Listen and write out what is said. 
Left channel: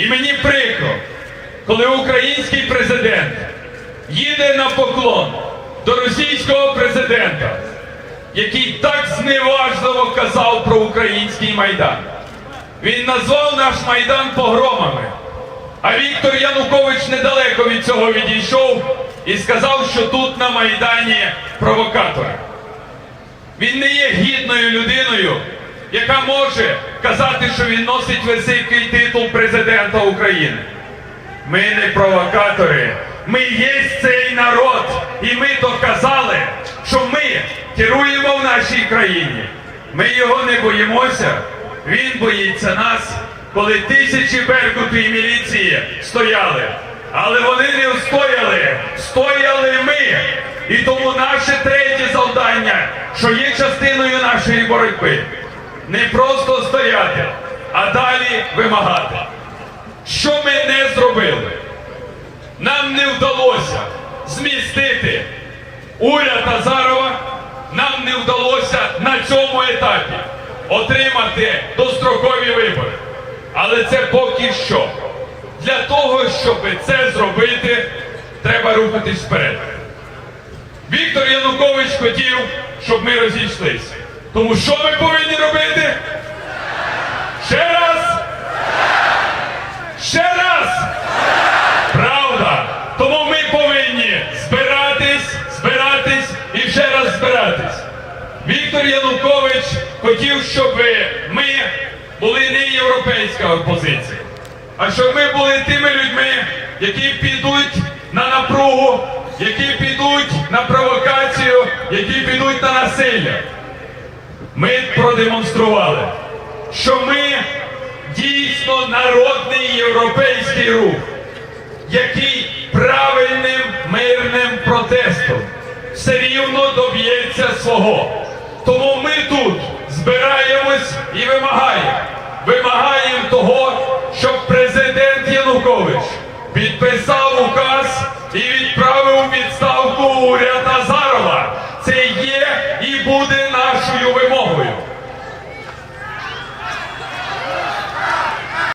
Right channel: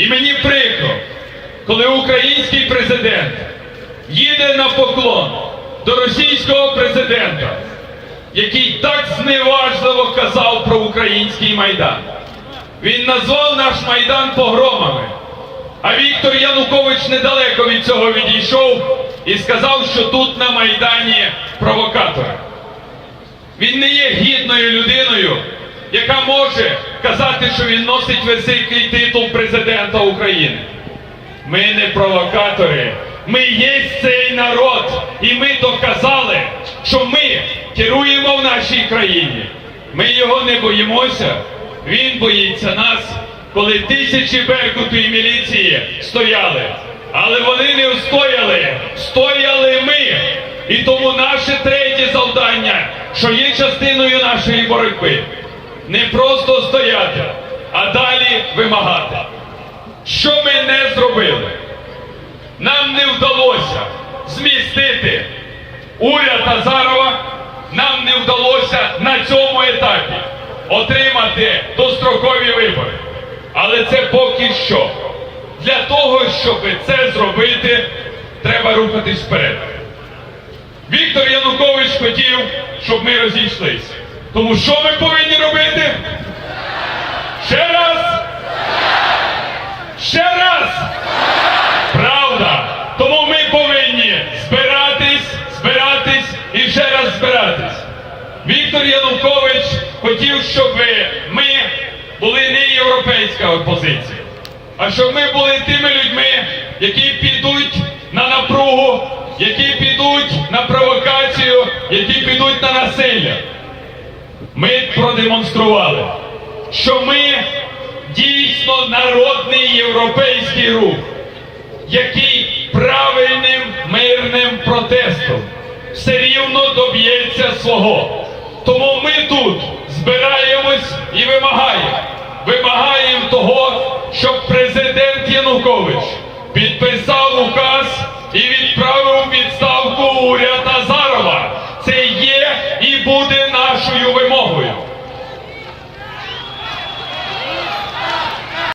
І мені прикро, коли український президент їде на поклон до російського президента, який так зневажливо казав про український майдан. Він назвав наш майдан погромами. А Віктор Янукович недалеко від цього відійшов і сказав, що тут на Майдані провокатори. Він не є гідною людиною, яка може казати, що він носить високий титул президента України. Ми не провокатори, ми є цей народ, і ми доказали, що ми керуємо в нашій країні. Ми його не боїмося, він боїться нас, коли тисячі беркуту і міліції стояли. Але вони не встояли, стояли ми. І тому наше третє завдання, що є частиною нашої боротьби, не просто стояти, а далі вимагати. Що ми не зробили? Нам не вдалося змістити уряд Азарова, нам не вдалося на цьому етапі отримати дострокові вибори. Але це поки що. Для того, щоб це зробити, треба рухатись вперед. Віктор Янукович хотів, щоб ми розійшлися. Тому що ми повинні робити? Ще раз! Ще раз! Правда! Тому ми повинні збиратись, збиратись і ще раз збиратись. Віктор Янукович хотів, щоб ми були не європейська опозиція, а щоб ми були тими людьми, які підуть на напругу, які підуть на провокацію, які підуть на насилля. Ми продемонстрували, що ми дійсно народний європейський рух, який правильним мирним протестом все рівно доб'ється свого. Тому ми тут збираємось і вимагаємо. Вимагаємо того, щоб президент Янукович підписав